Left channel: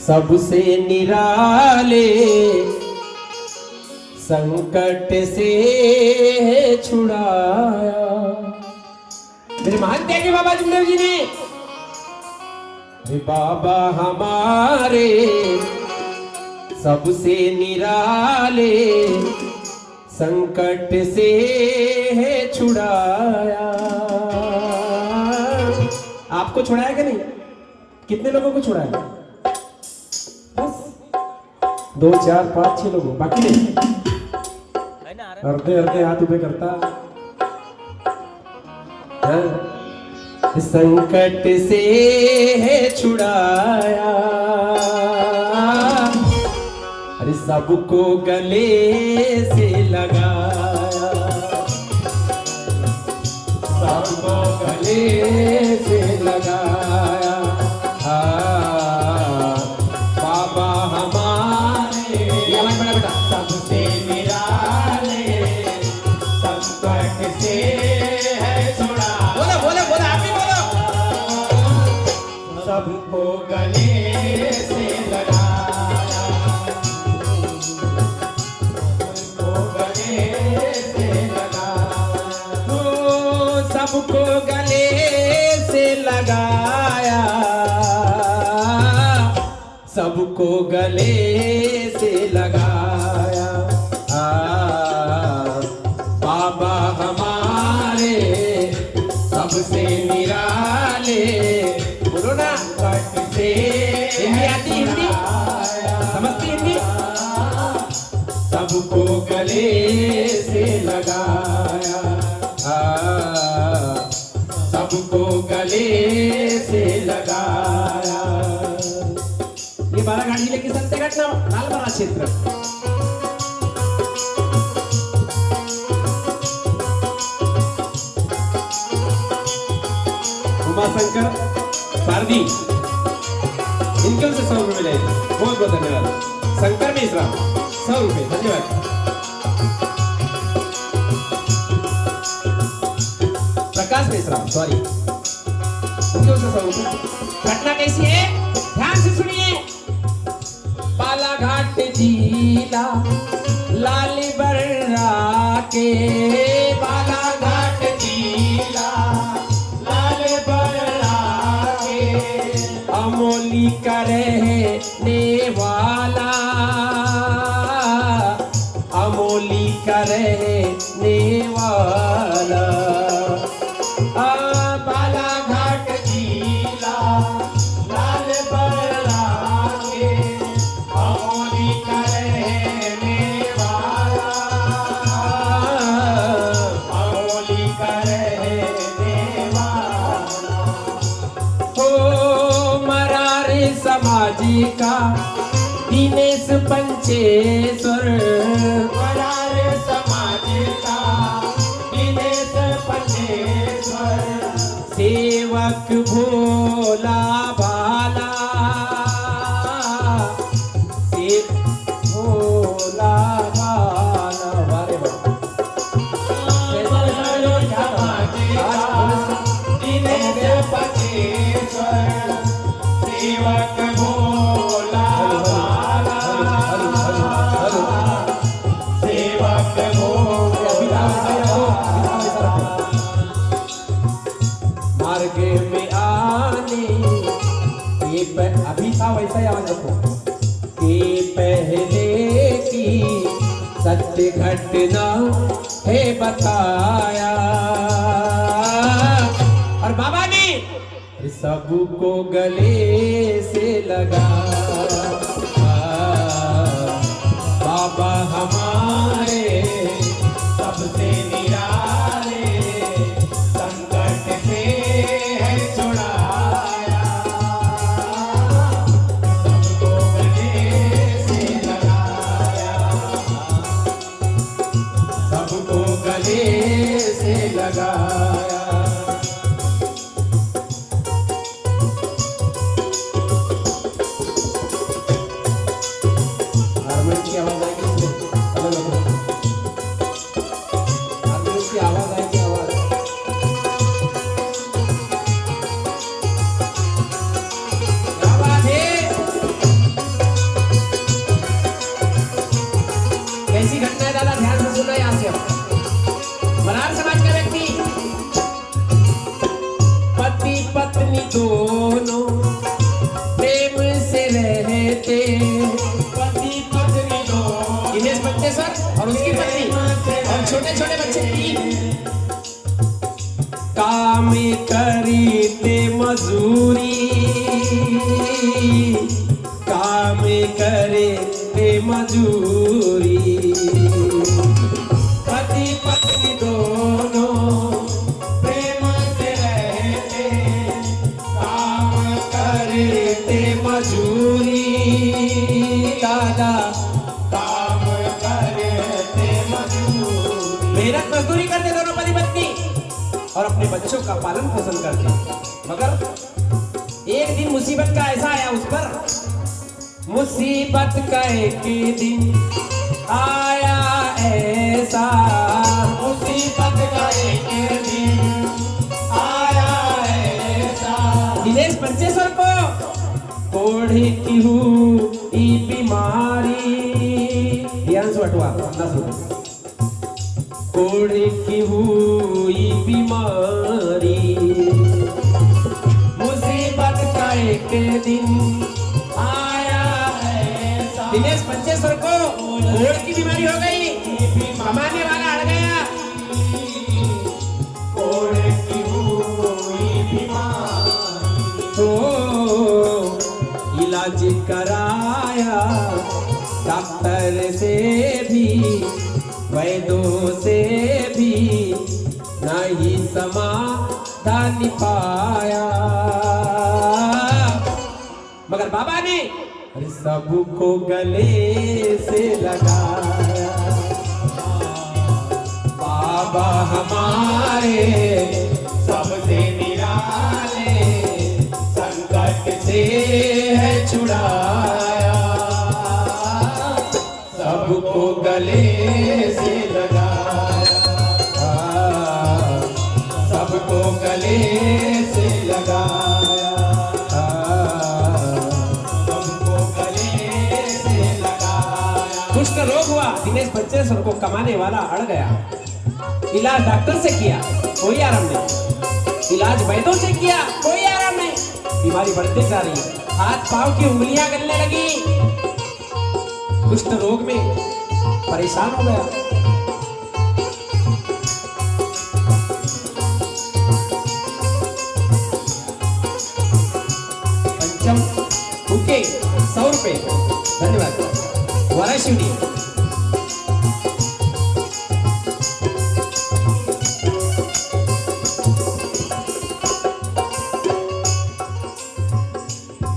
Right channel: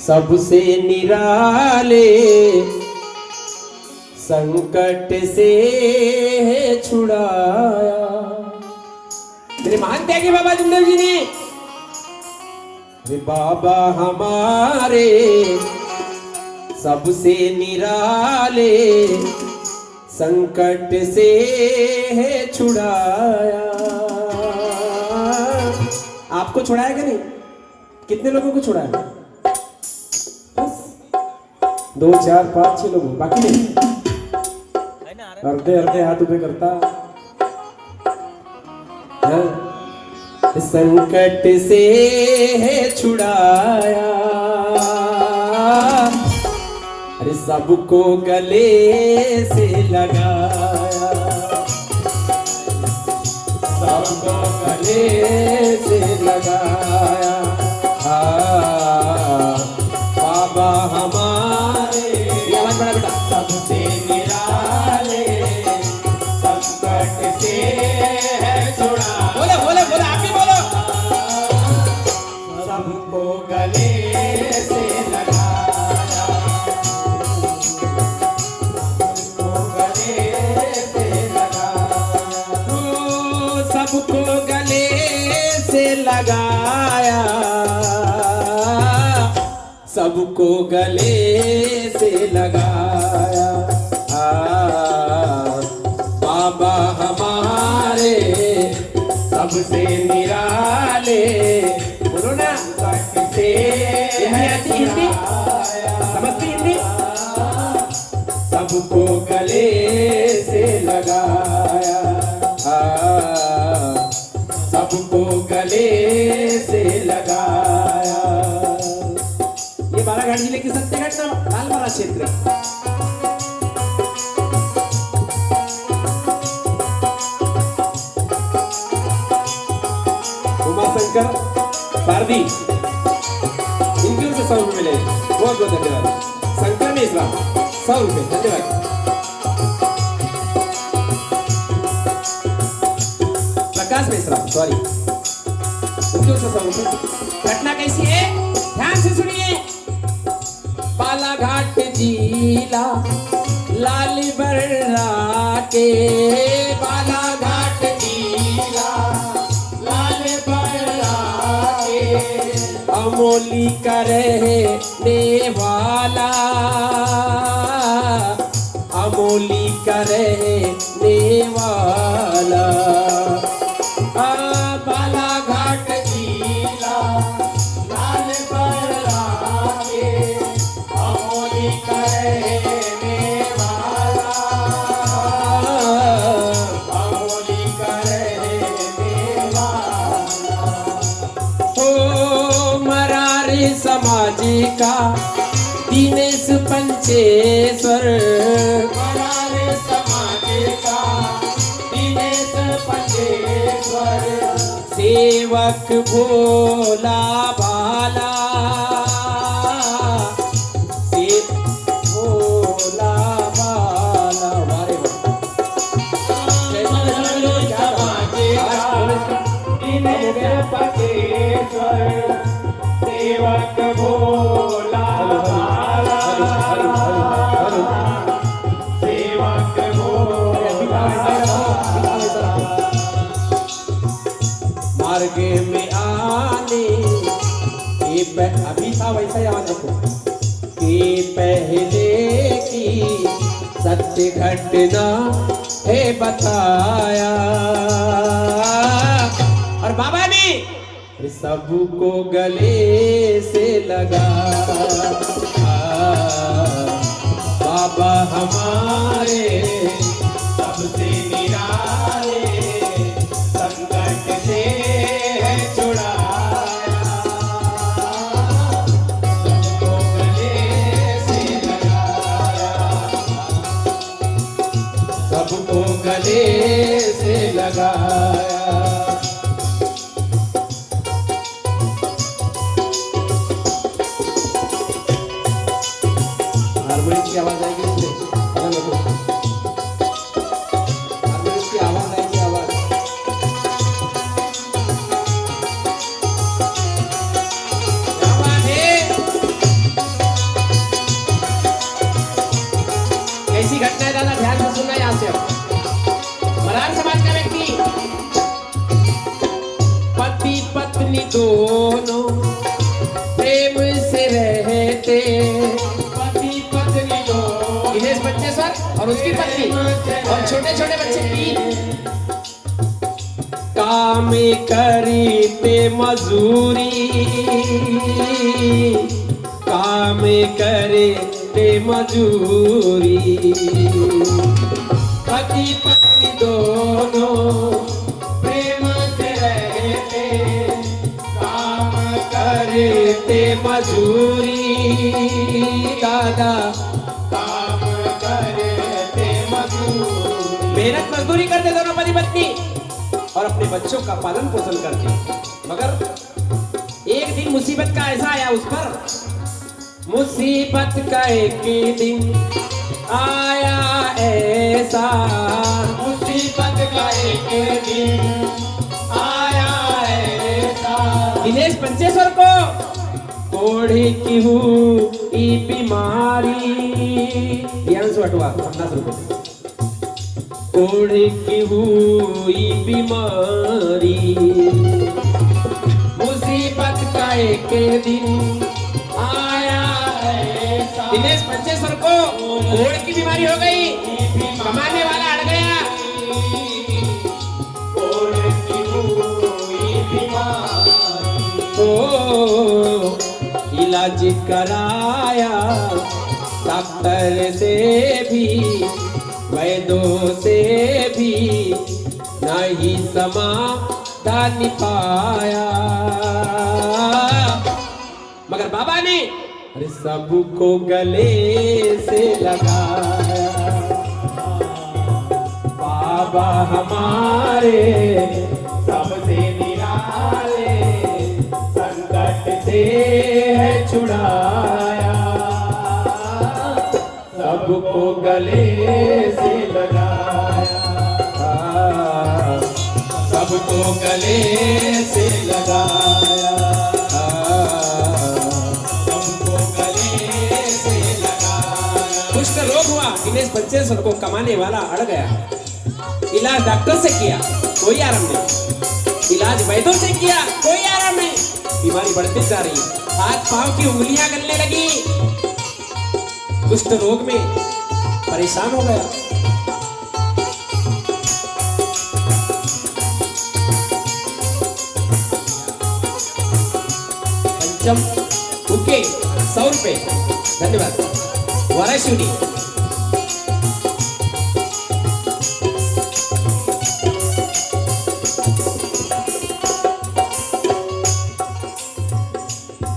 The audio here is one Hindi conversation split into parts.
सबसे निराले संकट से है छुड़ाया। मेरे महान त्यागी बाबा जमदेव जी ने, रे बाबा हमारे सबसे निराले संकट से है छुड़ाया। आपको छुड़ाया क्या नहीं? कितने लोगों को छुड़ाया? बस 2 4 5 6 लोगों, बाकी नहीं। अर्धे अर्धे हाथ उठे करता है। संकट से है छुड़ाया, अरे सबको गले से लगाया, सबको गले से लगाया। बाबा हमारे सबसे निराले संकट से है छुड़ा। बोलो बोलो बोलो, आप भी बोलो। सबको गले से लगाया, सबको गले से लगाया, सबको गले से लगाया, सबको गले से लगाया। बाबा हमारे सबसे निराले, बोलो ना, संकट से हिंदी समझती हिंदी। सबको गले से लगाया, सबको गले से लगाया। ये बालाघाट जिले की सत्यगढ़ लालमरा क्षेत्र। उमाशंकर शारदी, इनकम से 100 रुपए मिले, बहुत बहुत धन्यवाद। शंकर मेश्राम 100 रुपए, धन्यवाद। प्रकाश मेश्राम, सॉरी, इनकम से 100 रुपए। घटना कैसी है, ध्यान से सुनिए। बालाघाट जिला लाल बर्रा के, बालाघाट जिला लाल बर्रा के, अमोली का रहने वाला, अमोली का रहने वाला। बालाघाट जिला लाल बर्रा के, अमोली का रहने वाला, अमोली का रहने वाला। ओ मरारे समाज का दिनेश पंचेश्वर, मरारे समाज का दिनेश पंचेश्वर, सेवक भोला भाला, भोला भाला। वारे दिनेश पंचेश्वर, सेवक भोला भाला, सेवक भोला भाला। मार्ग में आने के अभी था वैसा याद रखो, के पहले की सत्य घटना है बताया। और बाबा ने सबको गले से लगा। बाबा हमारे सबसे निराले संकट से है छुड़ाया, सबको गले से लगाया, सबको गले से लगाया। दोनों प्रेम से रहते, पति पत्नी दो दिनेश बच्चे सर और उसकी पत्नी और छोटे छोटे बच्चे 3 काम करते मजूरी, काम करते मजूरी, पति पत्नी दोनों प्रेम से रहते, काम करते मजूरी, दादा काम करते मजदूरी। मेहनत मजदूरी करते दोनों पति पत्नी और अपने बच्चों का पालन पोषण करते। मगर एक दिन मुसीबत का ऐसा आया उस पर, मुसीबत का एक दिन आया ऐसा, मुसीबत का एक दिन आया ऐसा, दिनेश पंचेश्वर को कोढ़े की हुई बीमारी, ध्यान से बटुआ 10 रुपये, कोढ़े की हुई बीमारी, मुसीबत का एक दिन आया ऐसा, दिनेश पंचेश्वर को कोढ़ की बीमारी हो गई, कमाने वाला अड़ गया, कोढ़ की हुई बीमारी। ओ इलाज कराया डॉक्टर से भी वैद्यों से भी नहीं समाधान पाया, मगर बाबा ने सबको गले से लगाया, बाबा हमारे सबसे निराले संकट से है छुड़ाया, सबको गले से लगाया, सबको गले से लगाया, सबको गले से लगाया। कुष्ठ रोग हुआ, दिनेश पंचेश्वर को कमाने वाला अड़ गया, इलाज डॉक्टर से किया कोई आराम नहीं, इलाज वैद्यों से किया कोई आराम नहीं, बीमारी बढ़ती जा रही, हाथ पांव की उंगलियां गलने लगी, कुष्ठ रोग में परेशान हो गया। पंचम ओके 100 रुपए, धन्यवाद। वाराणसी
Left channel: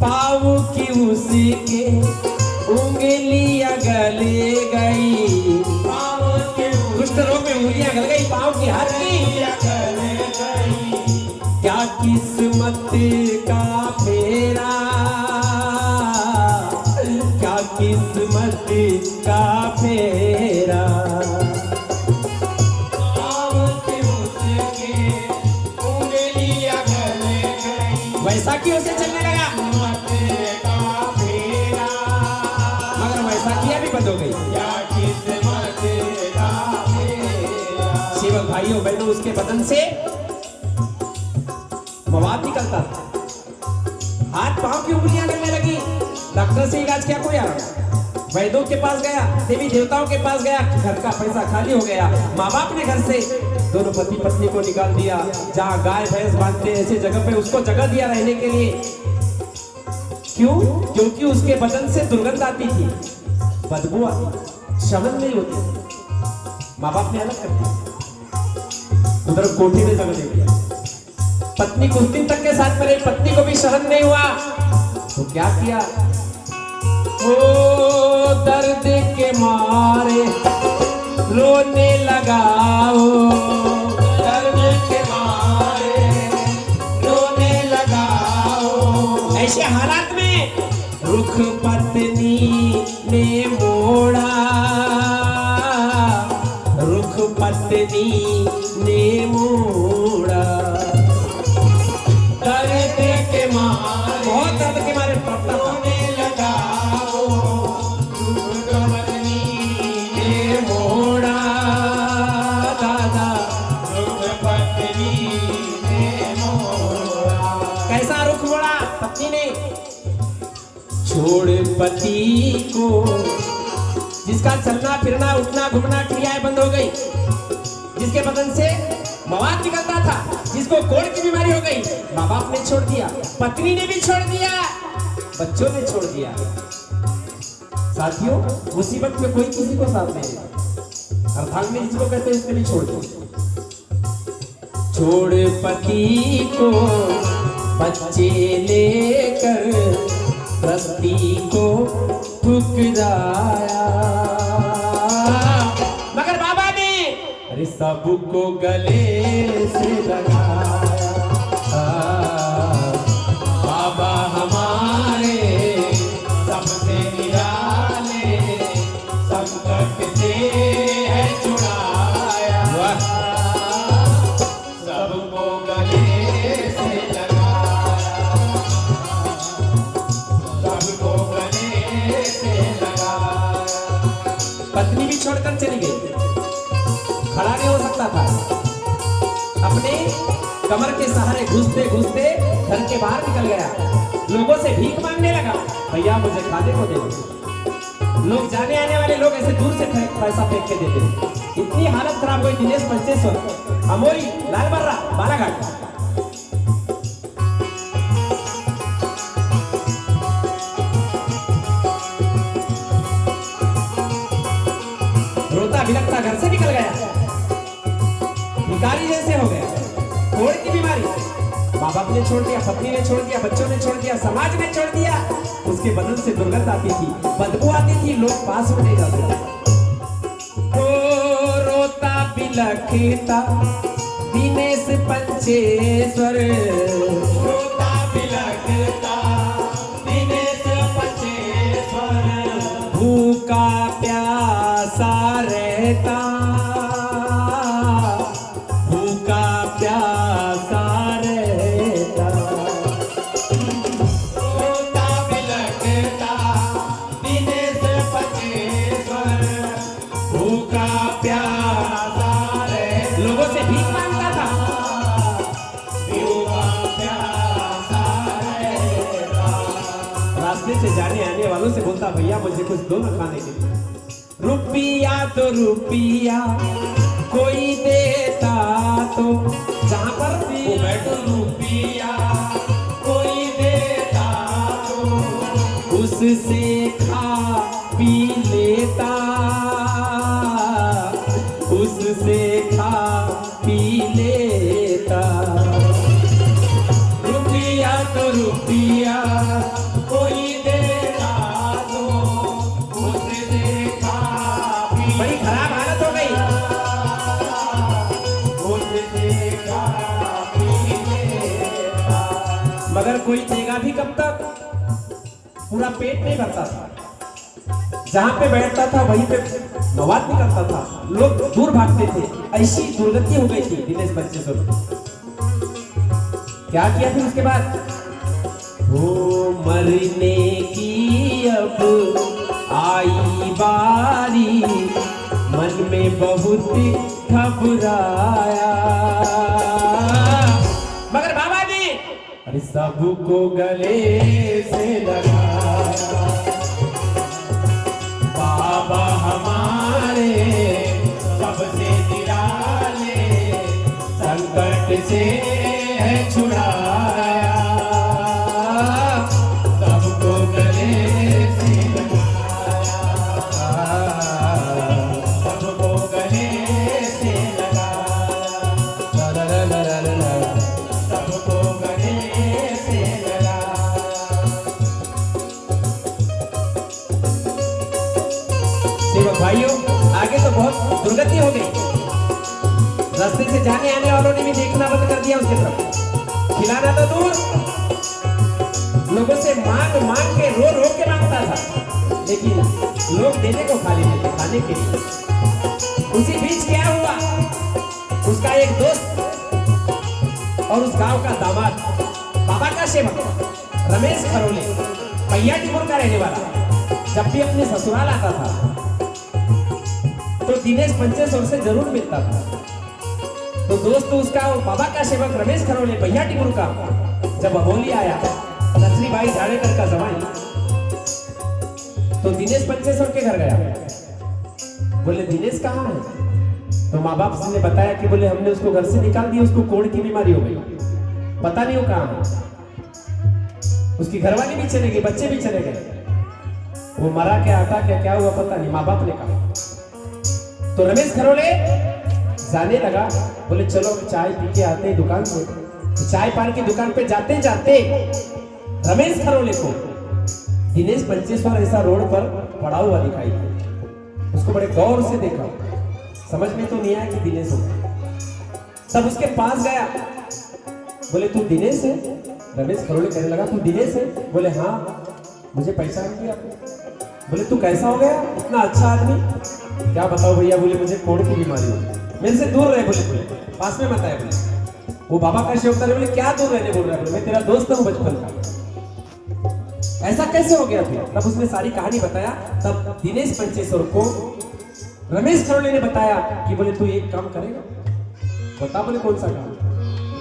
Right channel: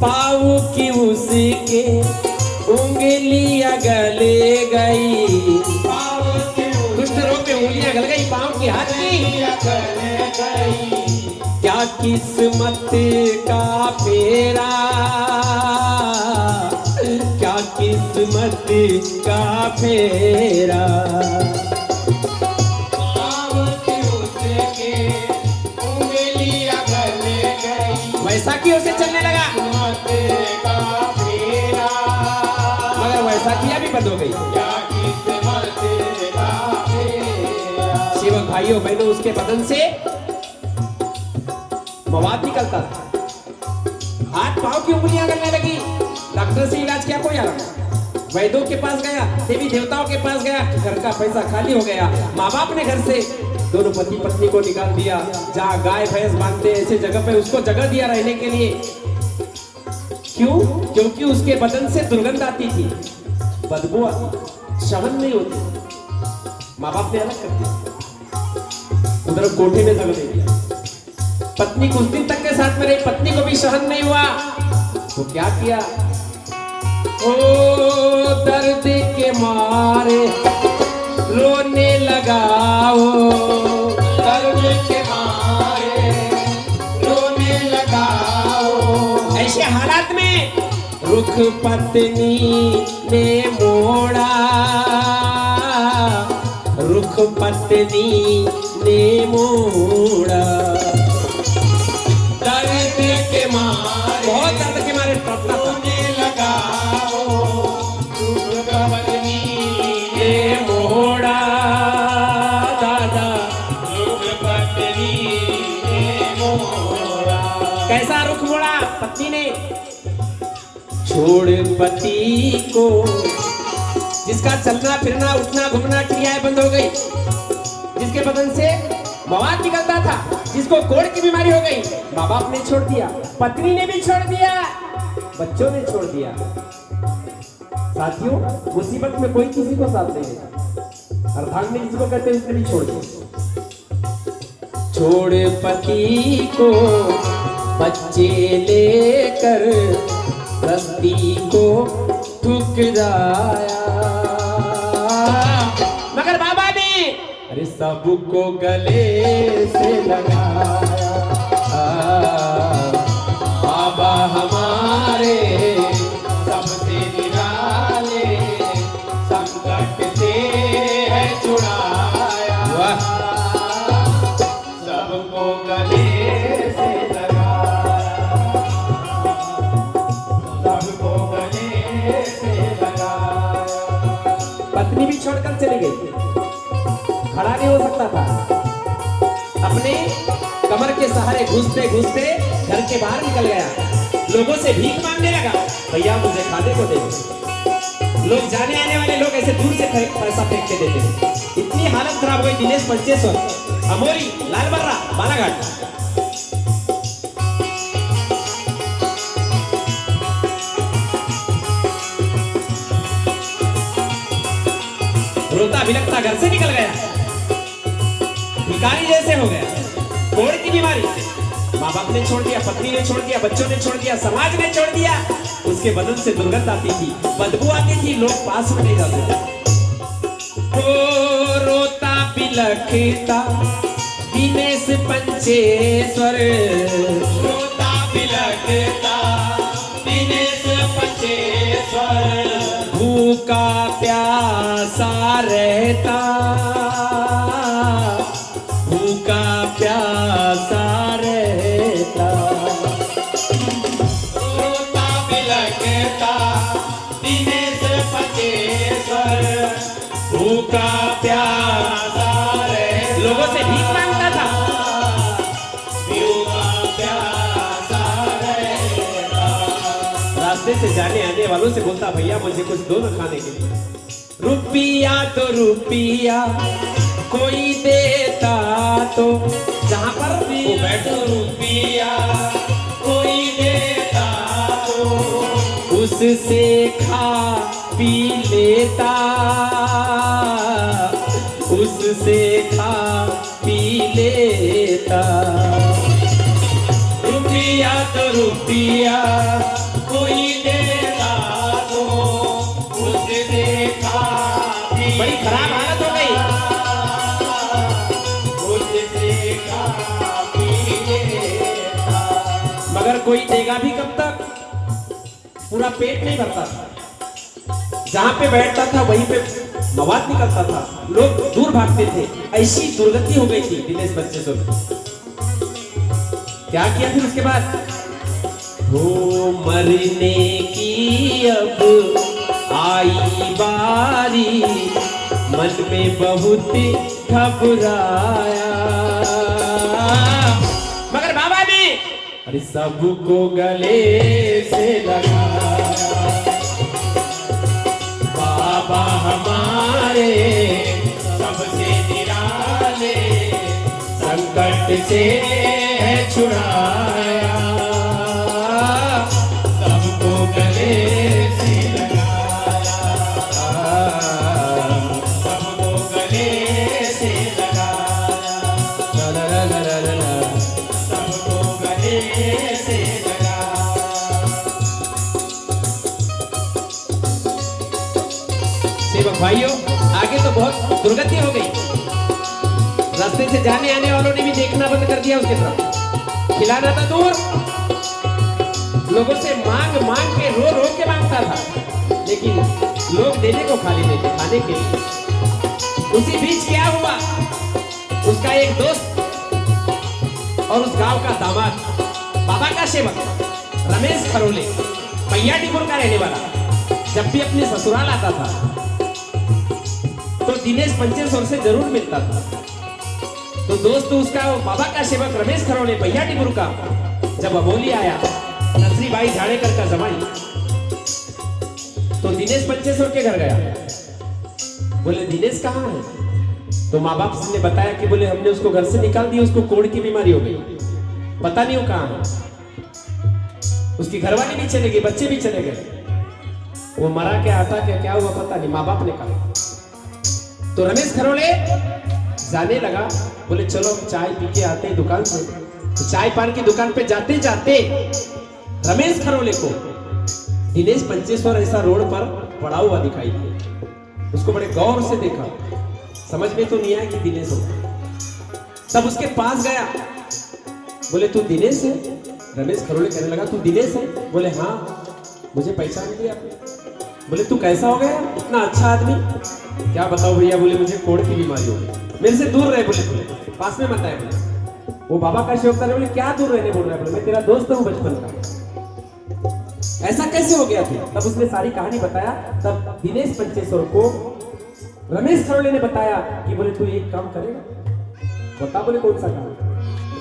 पाँव की उसके उंगलियां गले गई, कुष्ठ रोग में उंगलियां गल गई, पाँव की हाथ की गले गई। क्या किस्मत का फेरा, क्या किस्मत का फेरा, पाँव की उसके उंगलियां गले गई। वैसाखियों से चलने लगा, किस्मत का फेरा, मगर वैसाखियां भी बंद हो गई। क्या किस्मत का फेरा। सेवक भाइयों बहनों, उसके बदन से मवाद निकलता था, हाथ पांव की उंगलियां गलने लगी, डॉक्टर से इलाज किया कोई आराम, वैद्यों के पास गया, देवी देवताओं के पास गया, घर का पैसा खाली हो गया, माँ बाप ने घर से दोनों पति पत्नी को निकाल दिया, जहाँ गाय भैंस बांधते ऐसे जगह पे उसको जगह दिया रहने के लिए। क्यों? क्योंकि उसके बदन से दुर्गंध आती थी, बदबू आती, सहन नहीं होती, माँ बाप ने अलग कर दिया, उधर कोठे में जगह दे दिया। पत्नी कुछ दिन तक के साथ में रही, पत्नी को भी सहन नहीं हुआ, तो क्या किया, ओ दर्द के मारे रोने लगा, दर्द के मारे रोने लगा। ऐसे हालात में रुख पत्नी ने मोड़ा, रुख पत्नी ने मोड़ा, दर्द के मारे बहुत दर्द के मारे रोने लगा। रुख पत्नी ने मोड़ा, दादा रुख पत्नी ने मोड़ा। कैसा रुख मोड़ा, छोड़ पति को, जिसका चलना फिरना उठना घूमना क्रियाएं बंद हो गई, जिसके बदन से मवाद निकलता था, जिसको कोढ़ की बीमारी हो गई, माँ बाप ने छोड़ दिया, पत्नी ने भी छोड़ दिया, बच्चों ने छोड़ दिया। साथियों, मुसीबत में कोई किसी को साथ नहीं देता। अर्धांग में जिसको कहते हैं इसने भी छोड़ दिया। छोड़ पति को बच्चे लेकर रस्ती को ठुकराया, मगर बाबा ने अरे सबको गले से लगाया। बाबा हमारे सबसे निराले, संकट से है छुड़ाया, सबको गले से लगाया, सबको गले से लगाया। पत्नी भी छोड़कर चली गई, खड़ा नहीं हो सकता था, अपने कमर के सहारे घुसते घुसते घर के बाहर निकल गया, लोगों से भीख मांगने लगा, भैया मुझे खाने को दे दो। लोग जाने आने वाले लोग ऐसे दूर से पैसा फेंक के देते थे। इतनी हालत खराब हुई। दिनेश 2500 अमोरी लालबर्रा बालाघाट। रोता बिलखता घर से निकल गया, भिखारी जैसे हो गया, कोढ़ की बीमारी, माँ बाप ने छोड़ दिया, पत्नी ने छोड़ दिया, बच्चों ने छोड़ दिया, समाज ने छोड़ दिया। उसके बदन से दुर्गंध आती थी, बदबू आती थी, लोग पास हो नहीं जाते थे। ओ रोता बिलखता दिनेश पंचेश्वर, रोता बिलखता दिनेश पंचेश्वर, भूखा प्यासा रहता, भूखा प्यासा रहता, रोता बिलखता दिनेश पंचेश्वर, भूखा प्यासा रहता। लोगों से भीख मांगता था, भूखा प्यासा रहता। रास्ते से जाने आने वालों से बोलता, भैया मुझे कुछ दो ना खाने के लिए। रुपया तो रुपया कोई देता तो, जहां पर वो बैठो, रुपया कोई देता तो उससे खा पी लेता, उससे खा पी लेता। रुपया तो रुपया कोई देता तो उससे खा पी। बड़ी खराब हालत हो गई, मगर कोई देगा भी कब तक? पूरा पेट नहीं भरता था, जहां पे बैठता था वहीं पे मवाद निकलता था, लोग दूर भागते थे। ऐसी दुर्गति हो गई थी दिनेश 2500। क्या किया फिर उसके बाद? वो मरने की अब आई बारी, मन में बहुत घबराया, मगर बाबा ने अरे सबको गले से लगाया। बाबा हमारे सबसे निराले, संकट से है छुड़ाया, सबको गले से लगाया, सबको गले से लगाया, सबको गले से लगाया। सेवक भाइयों, आगे तो बहुत दुर्गति हो गई, रास्ते से जाने आने वालों ने भी देखना बंद कर दिया उसके तरफ। खिलाना तो दूर, लोगों से मांग मांग के रो रो के मांगता था, लेकिन लोग देने को खाली नहीं थे, खाने के लिए। उसी बीच क्या हुआ, उसका एक दोस्त और उस गांव का दामाद, बाबा का सेवक रमेश खरोले, पैयाटीपुर का रहने वाला, जब भी अपने ससुराल आता था तो दिनेश 2500 से जरूर मिलता था। तो दोस्त उसका बाबा का सेवक रमेश खरोले पैयाटीपुर का जब अमोली आया, नसरी बाई झाड़ेकर का जमाई, बोले दिनेश कहाँ है? तो माँ बाप ने बताया कि बोले हमने उसको घर से निकाल दिया, उसको कोढ़ की बीमारी हो गई, पता नहीं वो कहाँ है। उसकी घरवाली भी चले गई, बच्चे भी चले गए, वो मरा क्या हटा क्या हुआ पता नहीं, माँ बाप ने कहा। तो रमेश खरोले जाने लगा, बोले चलो चाय पी के आते हैं दुकान से। तो चाय पान की दुकान पे जाते जाते रमेश खरोले को दिनेश पंचेश्वर ऐसा रोड पर पड़ा हुआ दिखाई दिया। उसको बड़े गौर से देखा, समझ में तो नहीं आया कि दिनेश हो। तब उसके पास गया, बोले तू दिनेश है? रमेश खरोले कहने लगा तू दिनेश है? बोले हाँ, मुझे पहचान लिया। बोले तू कैसा हो गया, इतना अच्छा आदमी? क्या बताओ भैया, बोले मुझे कोढ़ की बीमारी हो गई, मेरे से दूर रहे, बोले पास में मत आया। बोले वो बाबा का सेवक था, बोले क्या दूर रहने बोल रहा है, मैं तेरा दोस्त हूँ बचपन का, ऐसा कैसे हो गया थे? तब उसने सारी कहानी बताया। तब दिनेश पंचेश्वर को रमेश खरोले ने बताया कि बोले तू एक काम करेगा, बता। बोले कौन सा काम?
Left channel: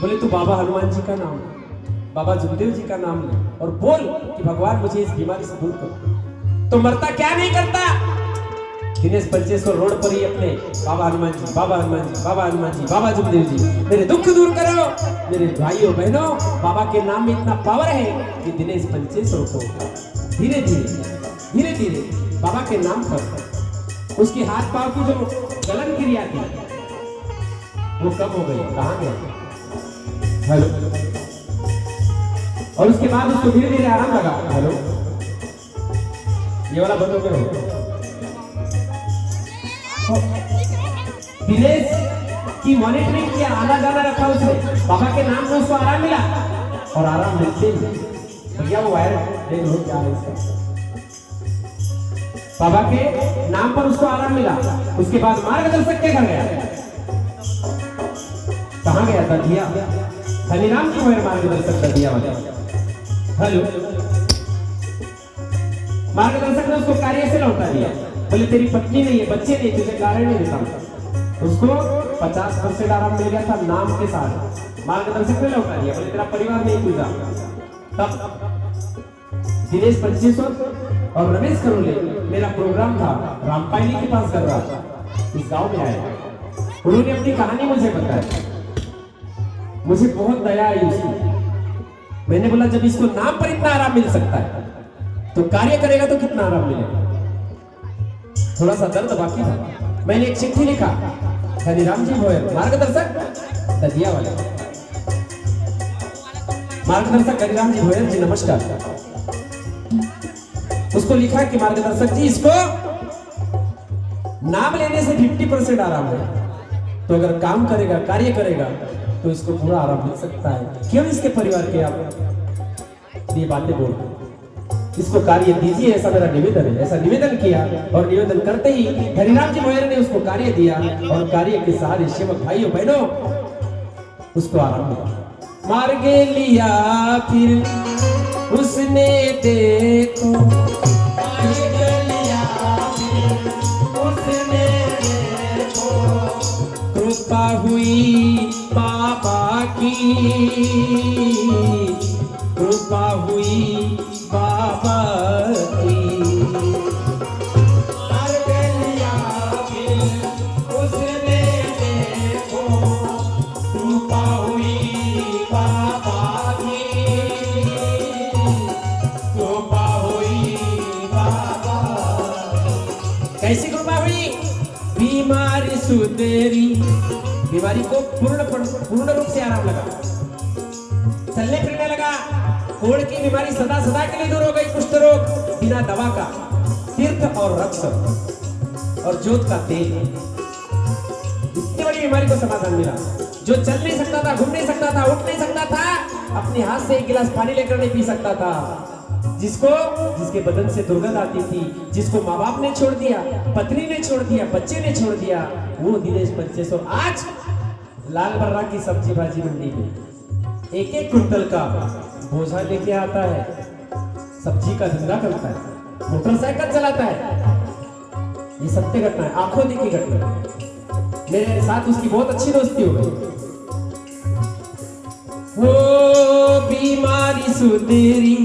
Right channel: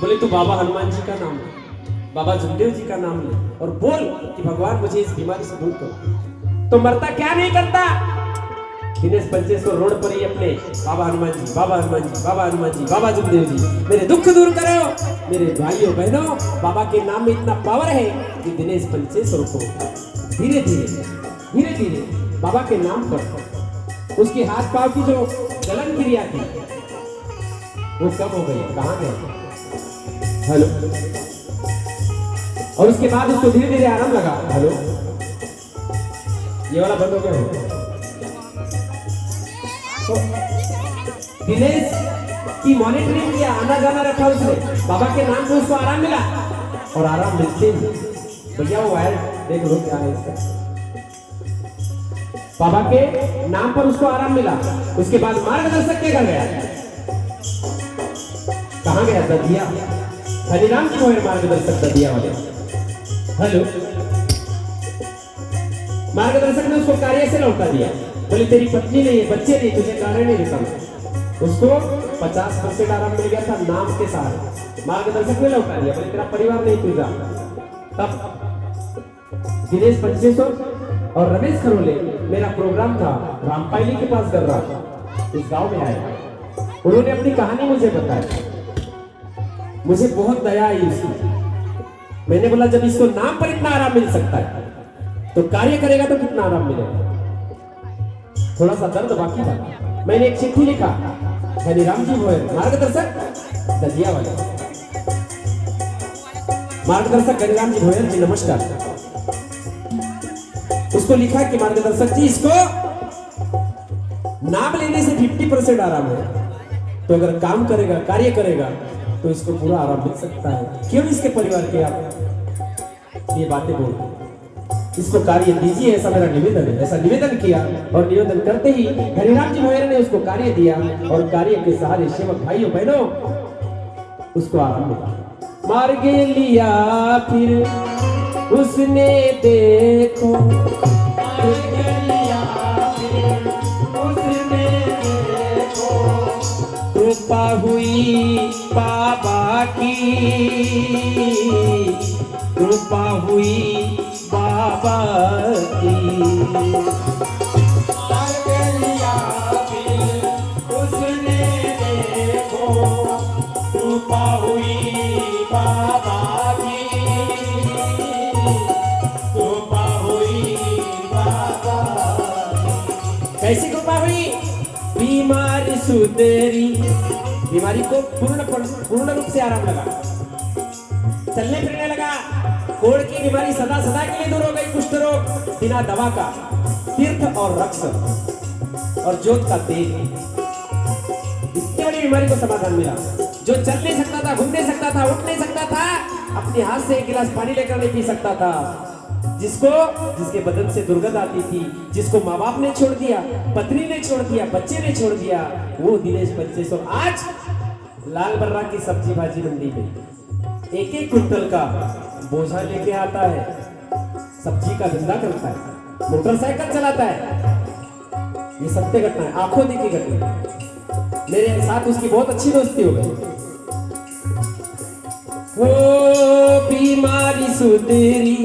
बोले तू बाबा हनुमान जी का नाम ले, बाबा जुगदेव जी का नाम ले और बोल कि भगवान मुझे इस बीमारी से दूर करो। तो मरता क्या नहीं करता। दिनेश पंचेश्वर रोड पर ही अपने बाबा हनुमान जी, बाबा हनुमान जी, बाबा हनुमान जी, बाबा जुगदेव जी, मेरे दुख दूर करो। मेरे भाइयों बहनों, बाबा के नाम में इतना पावर है कि दिनेश पंचेश्वर को धीरे धीरे बाबा के नाम पर उसके हाथ पांव की जो जलन क्रिया थी वो कम हो गई। कहां गया? हेलो। और उसके बाद उसको धीरे धीरे आराम लगा। हेलो, ये वाला बंद हो गया। दिनेश की मॉनिटरिंग किया, आना जाना रखा उसने, बाबा के नाम से उसको आराम मिला। और आराम मिलते ही भैया वो वायर देख लो क्या है इसका, बाबा के नाम पर उसको आराम मिला। उसके बाद मार्गदर्शक के घर गया। कहां गया? ददिया, हरिराम की मोहर मार्गदर्शक ददिया वाले। हेलो। मार्गदर्शक ने उसको कार्य से लौटा दिया। बोले तेरी पत्नी नहीं है, बच्चे नहीं, तुझे कार्य नहीं निकालता। उसको 50% आराम मिल गया था नाम के साथ। मार्गदर्शक ने लौटा दिया, बोले तेरा परिवार नहीं, तू जा। तब दिनेश पंचेश्वर और रमेश खरोले मेरा प्रोग्राम था रामपायली के पास कर रहा था, इस गांव में आए। उन्होंने अपनी कहानी मुझे बताई, मुझे बहुत दया आई उसकी। मैंने बोला जब इसको नाम पर इतना आराम मिल सकता है तो कार्य करेगा तो कितना आराम मिलेगा। थोड़ा सा दर्द बाकी था। मैंने एक चिट्ठी लिखा, हरिराम जी भोयर मार्गदर्शक ददिया वाले। मार्गदर्शक हरिराम जी भोयर जी नमस्कार। उसको लिखा कि मार्गदर्शक जी, इसको नाम लेने से 50% आराम है, तो अगर काम करेगा, कार्य करेगा तो इसको पूरा आराम मिल सकता है। क्यों इसके परिवार के आप ये बातें बोलो, इसको कार्य दीजिए, ऐसा मेरा निवेदन है। ऐसा निवेदन किया और निवेदन करते ही हरिराम जी मोहर ने उसको कार्य दिया और कार्य के सहारे सेवक भाइयों बहनों उसको आराम मिला। मार्गे लिया फिर उसने देखो, कृपा हुई बाबा की, कृपा हुई बाबा की। उसने देखो, कृपा हुई बाबा की, कृपा हुई बाबा। कैसी कृपा हुई? बीमारी सुधरी, बीमारी को पूर्ण रूप से आराम लगा, चलने फिरने लगा। कोढ़ की बीमारी सदा सदा के लिए दूर हो गई। कुष्ठ रोग बिना दवा का, तीर्थ और रक्त और जोत का तेल, इतनी बड़ी बीमारी को समाधान मिला। जो चल नहीं सकता था, घूम नहीं सकता था, उठ नहीं सकता था, अपने हाथ से एक गिलास पानी लेकर नहीं पी सकता था, जिसके बदन से दुर्गंध आती थी, जिसको माँ बाप ने छोड़ दिया, पत्नी ने छोड़ दिया, बच्चे ने छोड़ दिया, वो दिनेश पंचेश्वर आज लाल बर्रा की सब्जी भाजी मंडी में एक एक कुंटल का बोझा लेके आता है, सब्जी का धंधा करता है, मोटरसाइकिल चलाता है। ये सत्य घटना है, आंखों देखी घटना है। मेरे साथ उसकी बहुत अच्छी दोस्ती हो गई। वो बीमारी सुधरी,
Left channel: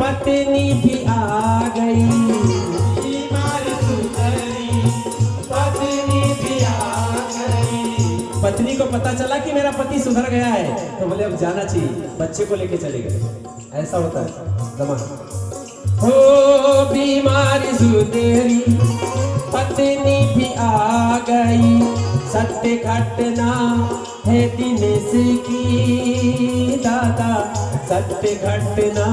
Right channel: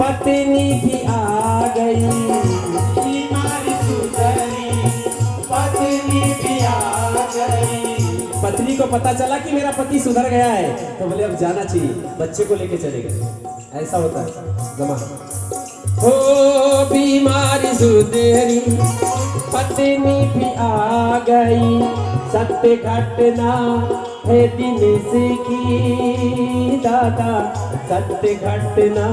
पत्नी भी आ गई, बीमारी सुधरी, बोले अब जाना चाहिए, बच्चे को लेके चले गए। ऐसा होता है जमाना। हो बीमारी सुधरी, पत्नी भी आ गई, सत्य घटना है दिनेश की दादा, सत्य घटना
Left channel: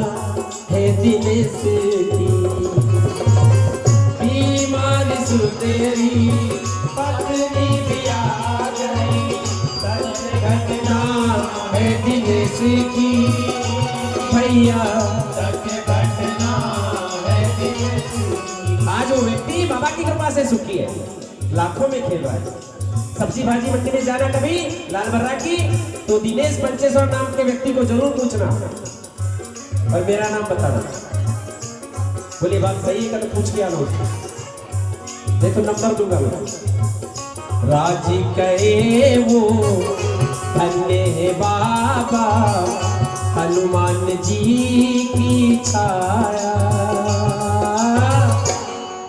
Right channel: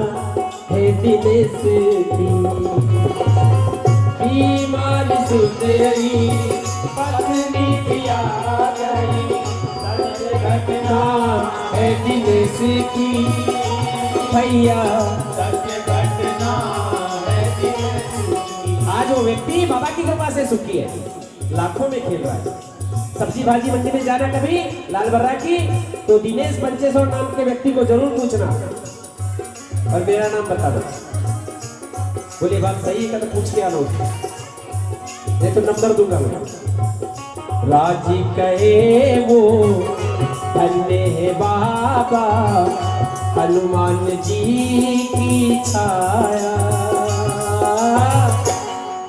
है दिनेश की। बीमारी सुधरी, पत्नी भी आ गई, सत्य घटना है दिनेश की भैया, सत्य घटना है दिनेश की। आज वो व्यक्ति बाबा की कृपा से सुखी है, लाखों में खेल रहा है। सब्जी भाजी मंडी में जा रहे कभी लाल बर्रा की, तो दिनेश पंचेश्वर नाम के व्यक्ति को जरूर पूछना और मेरा नाम बता दो। बोले बात सही है, तो पूछ के आलो, नहीं तो नंबर दूंगा मैं। राजी कहे वो धन्य है बाबा, हनुमान जी की छाया,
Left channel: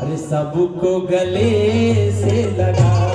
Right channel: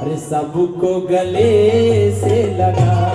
अरे सबको गले से लगा